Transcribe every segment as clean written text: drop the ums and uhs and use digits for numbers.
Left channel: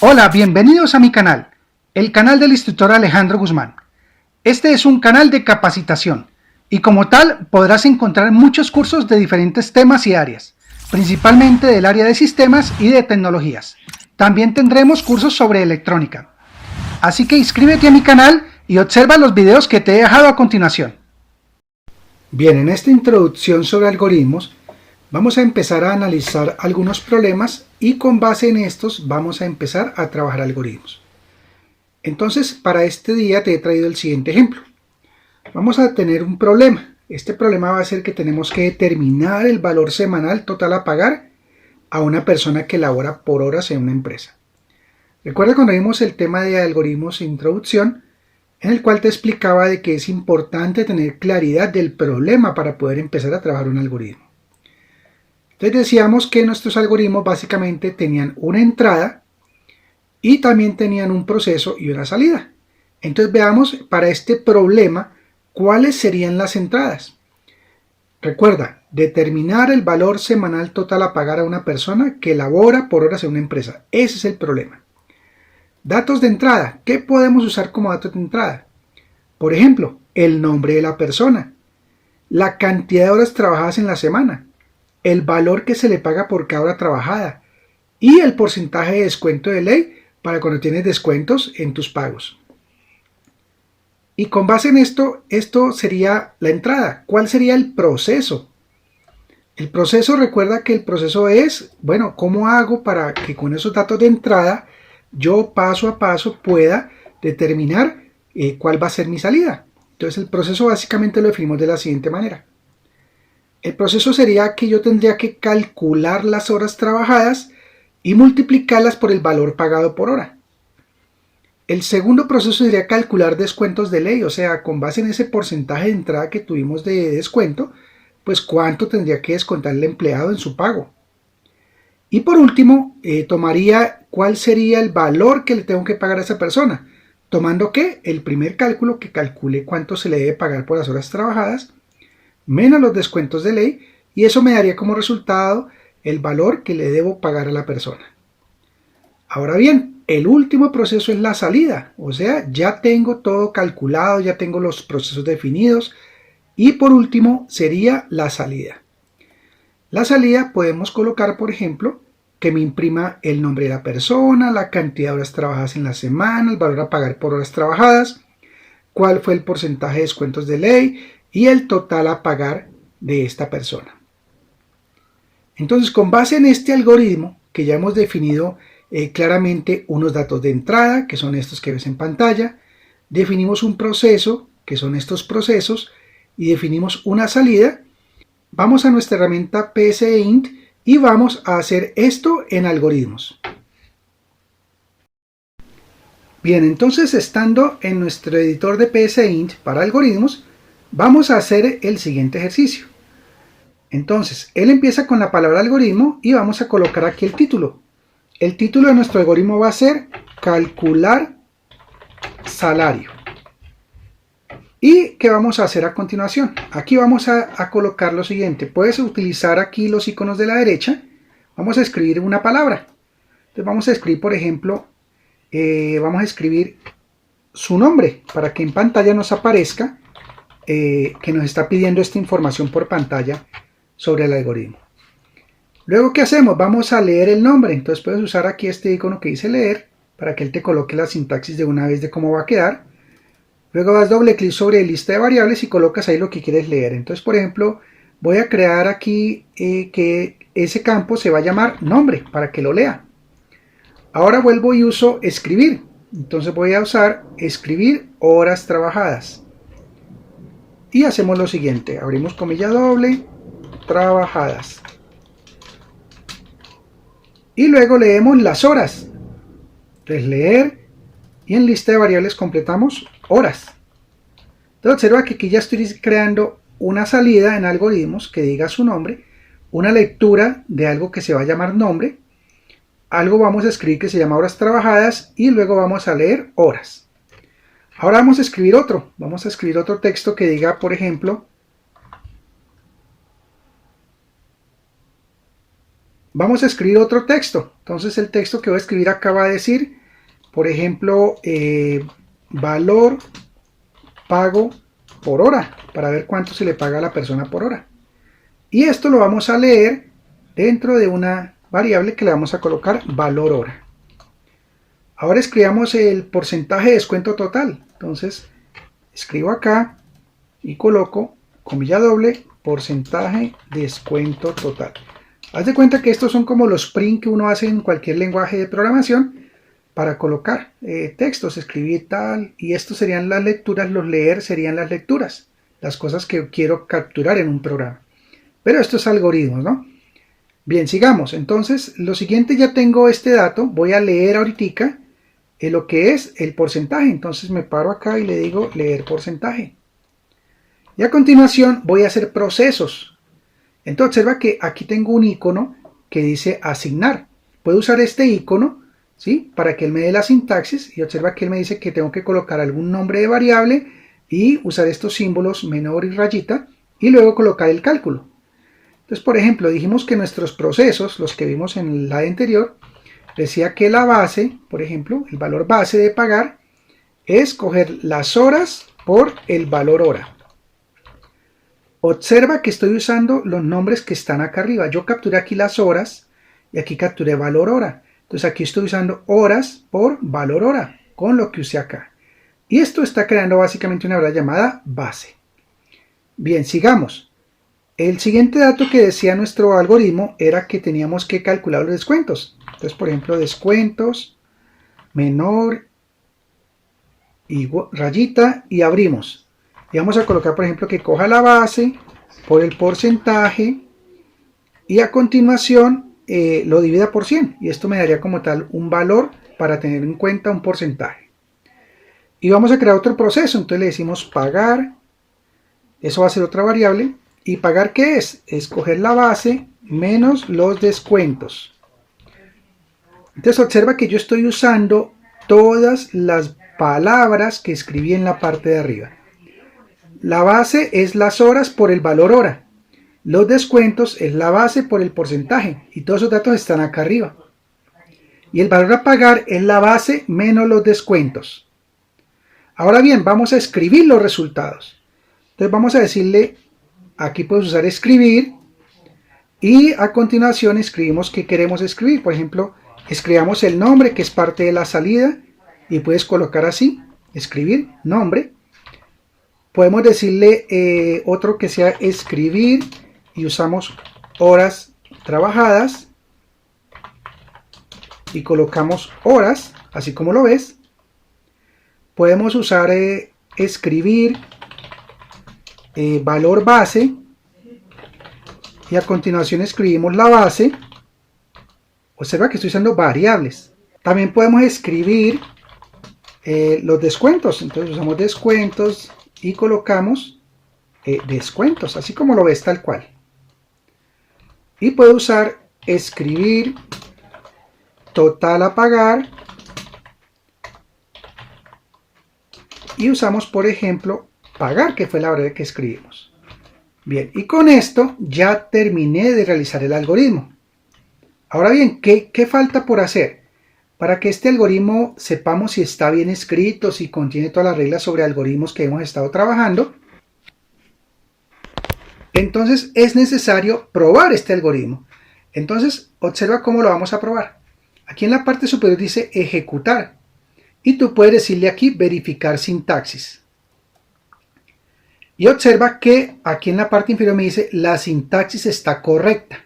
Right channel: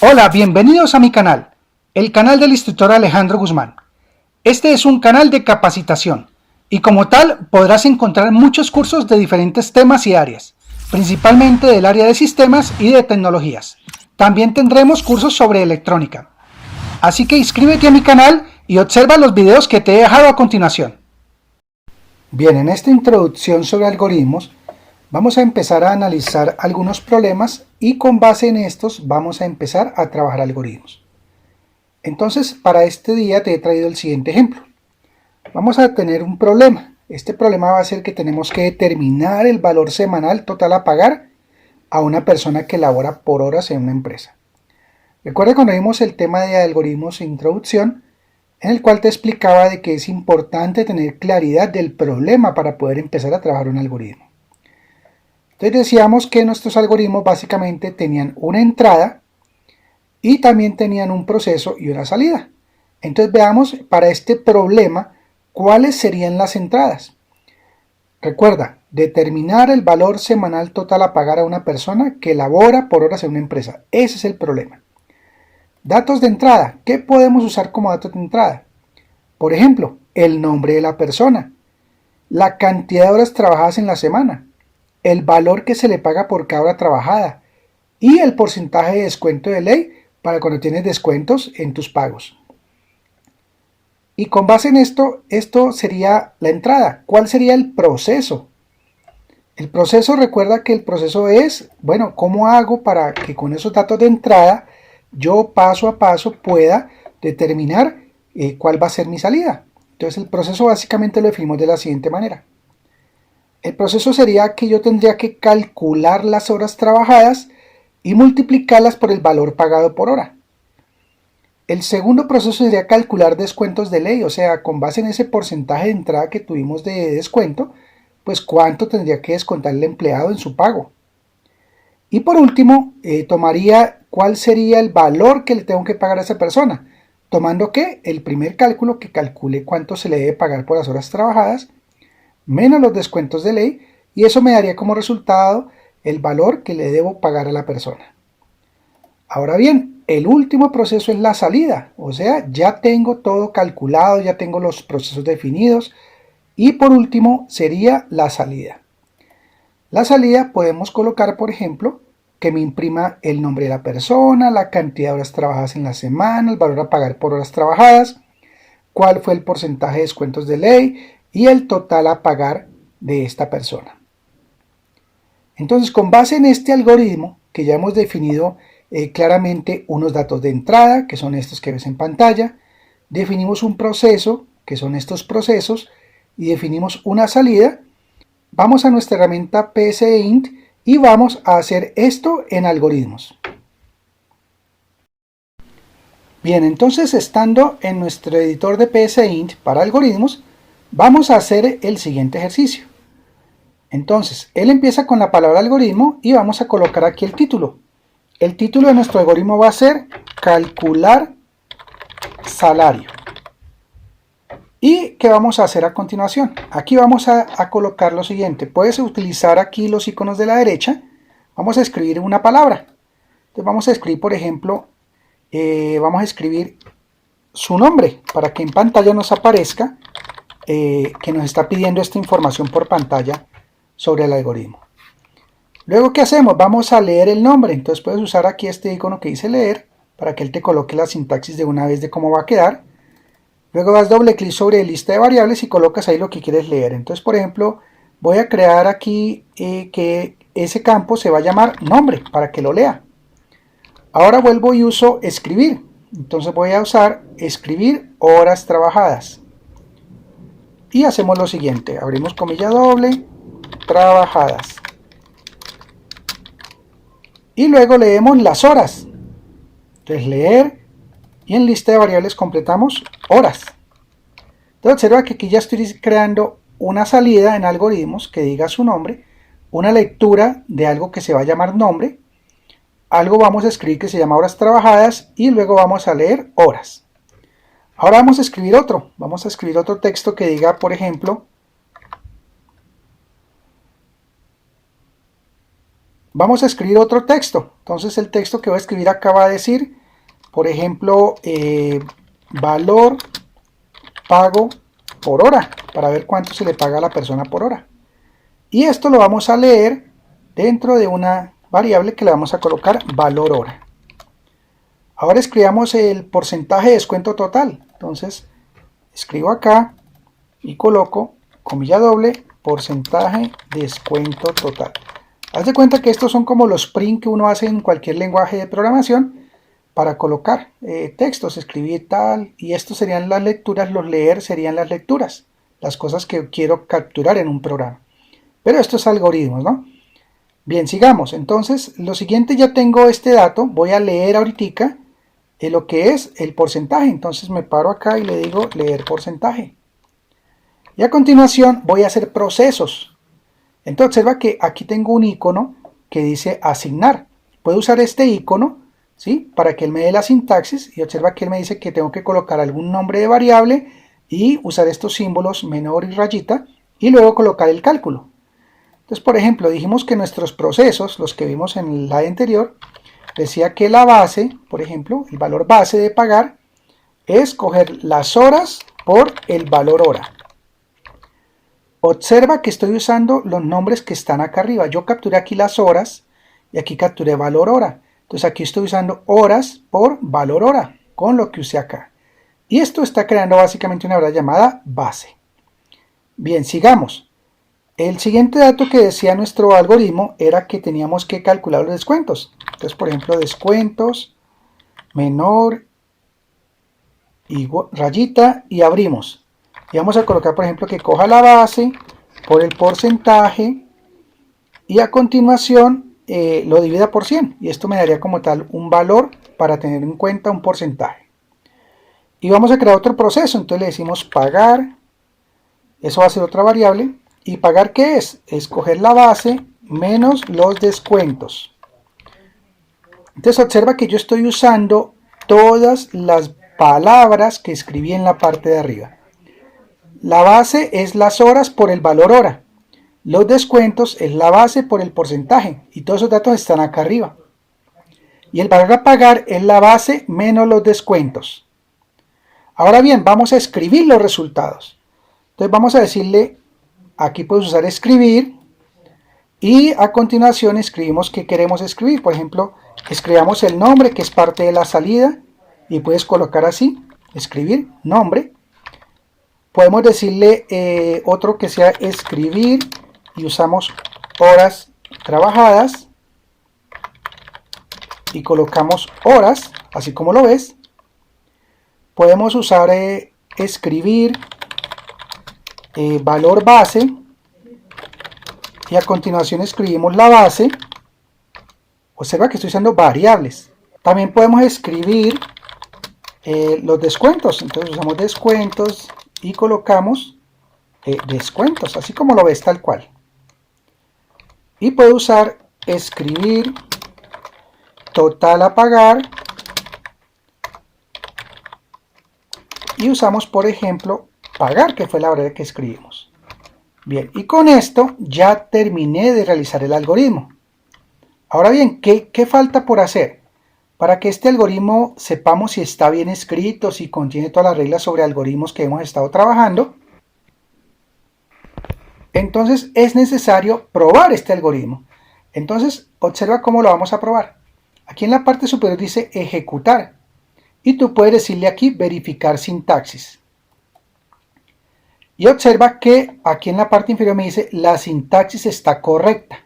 Hola, bienvenidos a mi canal, el canal del instructor Alejandro Guzmán. Este es un canal de capacitación y como tal podrás encontrar muchos cursos de diferentes temas y áreas, principalmente del área de sistemas y de tecnologías. También tendremos cursos sobre electrónica. Así que inscríbete a mi canal y observa los videos que te he dejado a continuación. Bien, en esta introducción sobre algoritmos vamos a empezar a analizar algunos problemas y con base en estos vamos a empezar a trabajar algoritmos. Entonces, para este día te he traído el siguiente ejemplo. Vamos a tener un problema. Este problema va a ser que tenemos que determinar el valor semanal total a pagar a una persona que labora por horas en una empresa. Recuerda cuando vimos el tema de algoritmos en introducción, en el cual te explicaba de que es importante tener claridad del problema para poder empezar a trabajar un algoritmo. Entonces decíamos que nuestros algoritmos básicamente tenían una entrada y también tenían un proceso y una salida. Entonces veamos para este problema cuáles serían las entradas. Recuerda, determinar el valor semanal total a pagar a una persona que labora por horas en una empresa. Ese es el problema. Datos de entrada. ¿Qué podemos usar como datos de entrada? Por ejemplo, el nombre de la persona, la cantidad de horas trabajadas en la semana, el valor que se le paga por cada hora trabajada y el porcentaje de descuento de ley para cuando tienes descuentos en tus pagos. Y con base en esto sería la entrada. ¿Cuál sería el proceso? El proceso, recuerda que el proceso es, bueno, ¿cómo hago para que con esos datos de entrada yo paso a paso pueda determinar cuál va a ser mi salida? Entonces el proceso básicamente lo definimos de la siguiente manera. El proceso sería que yo tendría que calcular las horas trabajadas y multiplicarlas por el valor pagado por hora. El segundo proceso sería calcular descuentos de ley, o sea, con base en ese porcentaje de entrada que tuvimos de descuento, pues cuánto tendría que descontar el empleado en su pago. Y por último, tomaría cuál sería el valor que le tengo que pagar a esa persona, tomando que el primer cálculo que calcule cuánto se le debe pagar por las horas trabajadas, menos los descuentos de ley, y eso me daría como resultado el valor que le debo pagar a la persona. Ahora bien, el último proceso es la salida, o sea, ya tengo todo calculado, ya tengo los procesos definidos, y por último sería la salida. La salida podemos colocar, por ejemplo, que me imprima el nombre de la persona, la cantidad de horas trabajadas en la semana, el valor a pagar por horas trabajadas, cuál fue el porcentaje de descuentos de ley y el total a pagar de esta persona. Entonces, con base en este algoritmo que ya hemos definido claramente unos datos de entrada, que son estos que ves en pantalla, definimos un proceso, que son estos procesos, y definimos una salida. Vamos a nuestra herramienta PSEint y vamos a hacer esto en algoritmos. Bien, entonces estando en nuestro editor de PSEint para algoritmos, vamos a hacer el siguiente ejercicio. Entonces, él empieza con la palabra algoritmo y vamos a colocar aquí el título. El título de nuestro algoritmo va a ser calcular salario. ¿Y qué vamos a hacer a continuación? Aquí vamos a colocar lo siguiente. Puedes utilizar aquí los iconos de la derecha. Vamos a escribir una palabra. Entonces vamos a escribir, por ejemplo, vamos a escribir su nombre para que en pantalla nos aparezca que nos está pidiendo esta información por pantalla sobre el algoritmo. Luego, ¿qué hacemos? Vamos a leer el nombre. Entonces puedes usar aquí este icono que dice leer para que él te coloque la sintaxis de una vez de cómo va a quedar. Luego das doble clic sobre lista de variables y colocas ahí lo que quieres leer. Entonces, por ejemplo, voy a crear aquí que ese campo se va a llamar nombre para que lo lea. Ahora vuelvo y uso escribir. Entonces voy a usar escribir horas trabajadas. Y hacemos lo siguiente. Abrimos comilla doble, trabajadas. Y luego leemos las horas. Entonces leer y en lista de variables completamos horas. Entonces observa que aquí ya estoy creando una salida en algoritmos que diga su nombre, una lectura de algo que se va a llamar nombre, algo vamos a escribir que se llama horas trabajadas y luego vamos a leer horas. Ahora vamos a escribir otro texto que diga, por ejemplo, vamos a escribir otro texto. Entonces el texto que voy a escribir acá va a decir, por ejemplo, valor pago por hora, para ver cuánto se le paga a la persona por hora. Y esto lo vamos a leer dentro de una variable que le vamos a colocar valor hora. Ahora escribamos el porcentaje de descuento total. Entonces escribo acá y coloco comilla doble, porcentaje de descuento total. Haz de cuenta que estos son como los print que uno hace en cualquier lenguaje de programación para colocar textos, escribir tal, y estos serían las lecturas, los leer serían las lecturas, las cosas que quiero capturar en un programa. Pero esto es algoritmos, ¿no? Bien, sigamos. Entonces, lo siguiente, ya tengo este dato, voy a leer ahorita lo que es el porcentaje. Entonces me paro acá y le digo leer porcentaje. Y a continuación voy a hacer procesos. Entonces observa que aquí tengo un icono que dice asignar. Puedo usar este icono, ¿sí?, para que él me dé la sintaxis, y observa que él me dice que tengo que colocar algún nombre de variable y usar estos símbolos menor y rayita y luego colocar el cálculo. Entonces, por ejemplo, dijimos que nuestros procesos, los que vimos en el slide anterior, decía que la base, por ejemplo, el valor base de pagar es coger las horas por el valor hora. Observa que estoy usando los nombres que están acá arriba. Yo capturé aquí las horas y aquí capturé valor hora. Entonces aquí estoy usando horas por valor hora con lo que usé acá. Y esto está creando básicamente una variable llamada base. Bien, sigamos. El siguiente dato que decía nuestro algoritmo era que teníamos que calcular los descuentos. Entonces, por ejemplo, descuentos, menor, rayita, y abrimos. Y vamos a colocar, por ejemplo, que coja la base por el porcentaje y a continuación lo divida por 100. Y esto me daría como tal un valor para tener en cuenta un porcentaje. Y vamos a crear otro proceso. Entonces le decimos pagar. Eso va a ser otra variable. ¿Y pagar qué es? Es coger la base menos los descuentos. Entonces observa que yo estoy usando todas las palabras que escribí en la parte de arriba. La base es las horas por el valor hora. Los descuentos es la base por el porcentaje. Y todos esos datos están acá arriba. Y el valor a pagar es la base menos los descuentos. Ahora bien, vamos a escribir los resultados. Entonces vamos a decirle, aquí puedes usar escribir. Y a continuación escribimos qué queremos escribir. Por ejemplo, escribamos el nombre, que es parte de la salida. Y puedes colocar así, escribir, nombre. Podemos decirle otro que sea escribir y usamos horas trabajadas y colocamos horas, así como lo ves. Podemos usar escribir valor base y a continuación escribimos la base. Observa que estoy usando variables. También podemos escribir los descuentos. Entonces usamos descuentos y colocamos descuentos, así como lo ves, tal cual. Y puedo usar escribir total a pagar y usamos, por ejemplo, pagar, que fue la variable que escribimos. Bien, y con esto ya terminé de realizar el algoritmo. Ahora bien, ¿qué falta por hacer? Para que este algoritmo sepamos si está bien escrito, si contiene todas las reglas sobre algoritmos que hemos estado trabajando, entonces es necesario probar este algoritmo. Entonces observa cómo lo vamos a probar. Aquí en la parte superior dice ejecutar y tú puedes decirle aquí verificar sintaxis. Y observa que aquí en la parte inferior me dice la sintaxis está correcta.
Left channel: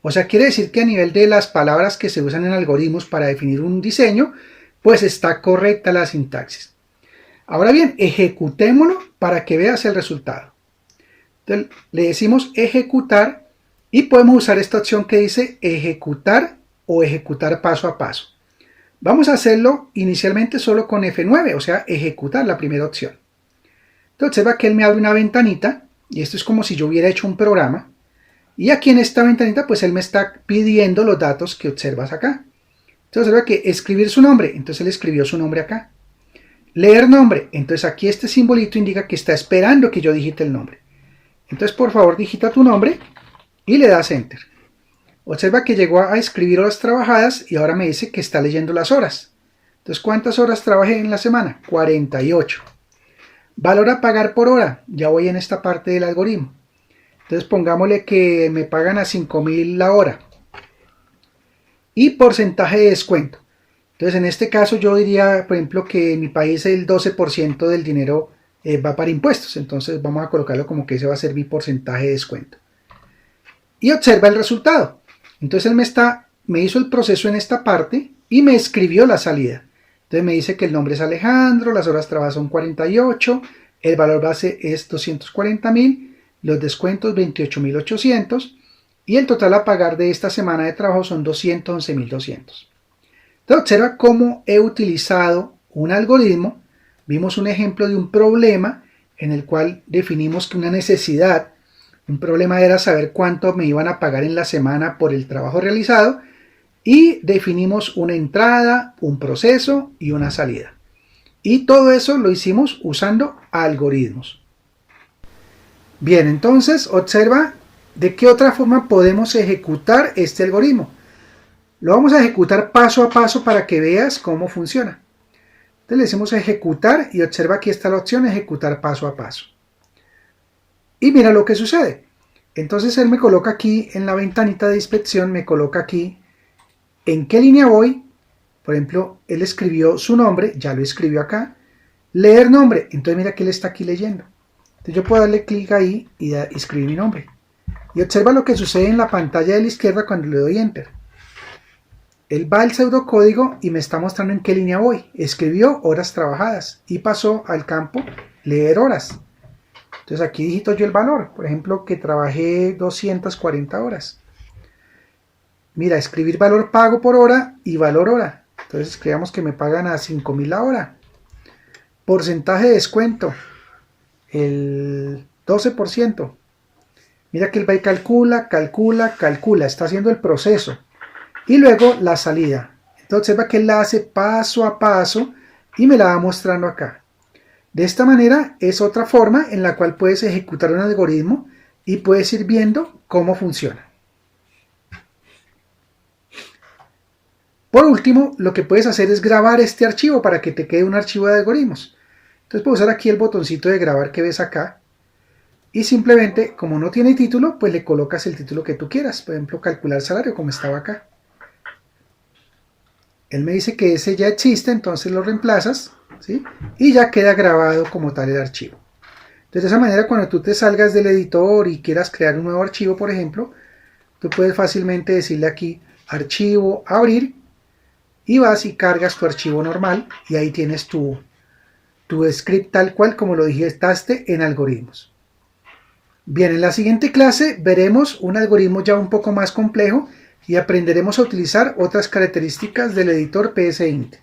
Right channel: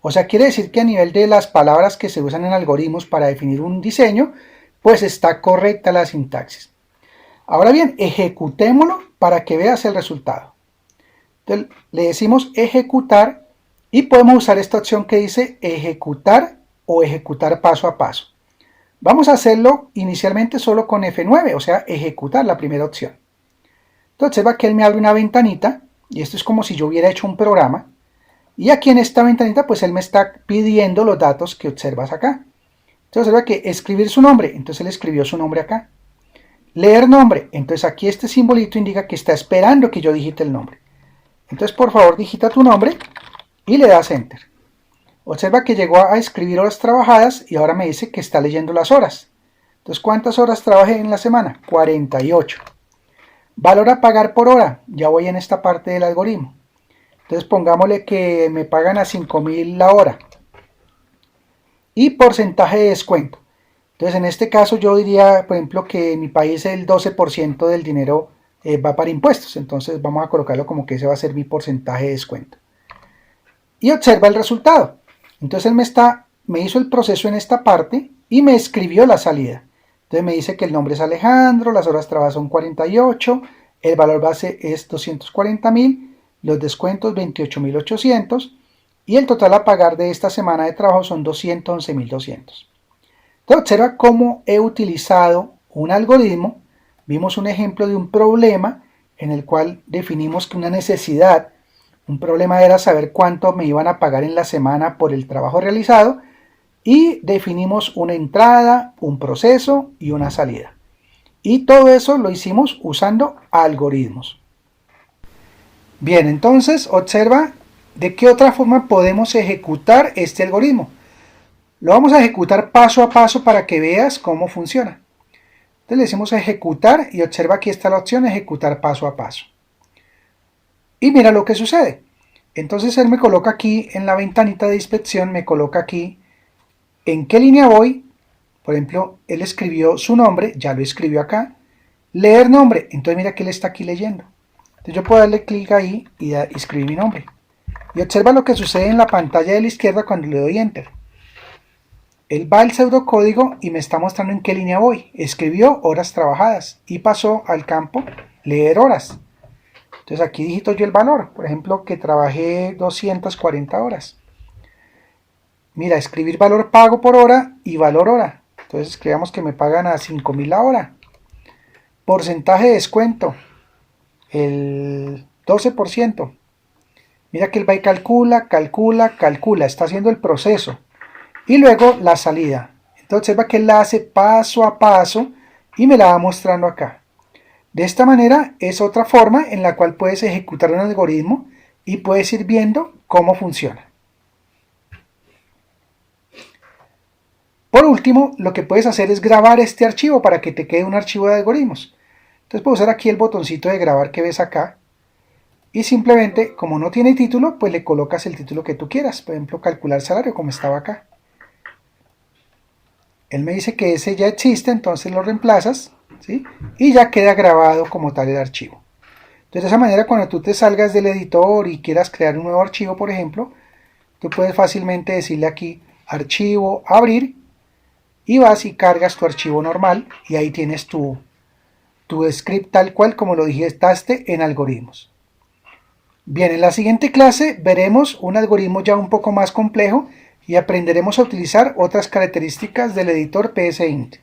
O sea, quiere decir que a nivel de las palabras que se usan en algoritmos para definir un diseño, pues está correcta la sintaxis. Ahora bien, ejecutémoslo para que veas el resultado. Entonces, le decimos ejecutar y podemos usar esta opción que dice ejecutar o ejecutar paso a paso. Vamos a hacerlo inicialmente solo con F9, o sea, ejecutar la primera opción. Entonces va que él me abre una ventanita y esto es como si yo hubiera hecho un programa. Y aquí en esta ventanita, pues él me está pidiendo los datos que observas acá. Entonces observa que escribir su nombre, entonces él escribió su nombre acá. Leer nombre, entonces aquí este simbolito indica que está esperando que yo digite el nombre. Entonces por favor digita tu nombre y le das Enter. Observa que llegó a escribir horas trabajadas y ahora me dice que está leyendo las horas. Entonces, ¿cuántas horas trabajé en la semana? 48. Valor a pagar por hora. Ya voy en esta parte del algoritmo. Entonces, pongámosle que me pagan a 5.000 la hora. Y porcentaje de descuento. Entonces, en este caso yo diría, por ejemplo, que en mi país el 12% del dinero va para impuestos. Entonces, vamos a colocarlo como que ese va a ser mi porcentaje de descuento. Y observa el resultado. Entonces él me hizo el proceso en esta parte y me escribió la salida. Entonces me dice que el nombre es Alejandro, las horas trabajadas son 48, el valor base es 240.000, los descuentos 28.800 y el total a pagar de esta semana de trabajo son 211.200. Entonces observa cómo he utilizado un algoritmo. Vimos un ejemplo de un problema en el cual definimos que una necesidad. Un problema era saber cuánto me iban a pagar en la semana por el trabajo realizado y definimos una entrada, un proceso y una salida. Y todo eso lo hicimos usando algoritmos. Bien, entonces observa de qué otra forma podemos ejecutar este algoritmo. Lo vamos a ejecutar paso a paso para que veas cómo funciona. Entonces le decimos ejecutar y observa aquí está la opción ejecutar paso a paso. Y mira lo que sucede. Entonces él me coloca aquí en la ventanita de inspección, me coloca aquí en qué línea voy. Por ejemplo, él escribió su nombre, ya lo escribió acá. Leer nombre, entonces mira que él está aquí leyendo. Entonces yo puedo darle clic ahí y escribir mi nombre. Y observa lo que sucede en la pantalla de la izquierda cuando le doy Enter. Él va al pseudocódigo y me está mostrando en qué línea voy. Escribió horas trabajadas y pasó al campo leer horas. Entonces aquí digito yo el valor, por ejemplo que trabajé 240 horas. Mira, escribir valor pago por hora y valor hora. Entonces escribamos que me pagan a 5.000 la hora. Porcentaje de descuento, el 12%. Mira que él va y calcula, está haciendo el proceso. Y luego la salida. Entonces observa que él la hace paso a paso y me la va mostrando acá. De esta manera es otra forma en la cual puedes ejecutar un algoritmo y puedes ir viendo cómo funciona. Por último, lo que puedes hacer es grabar este archivo para que te quede un archivo de algoritmos. Entonces puedes usar aquí el botoncito de grabar que ves acá y simplemente, como no tiene título, pues le colocas el título que tú quieras. Por ejemplo, calcular salario como estaba acá. Él me dice que ese ya existe, entonces lo reemplazas, ¿sí? Y ya queda grabado como tal el archivo. Entonces de esa manera cuando tú te salgas del editor y quieras crear un nuevo archivo, por ejemplo, tú puedes fácilmente decirle aquí archivo, abrir, y vas y cargas tu archivo normal y ahí tienes tu script tal cual como lo digitaste en algoritmos. Bien, en la siguiente clase veremos un algoritmo ya un poco más complejo y aprenderemos a utilizar otras características del editor PSInt.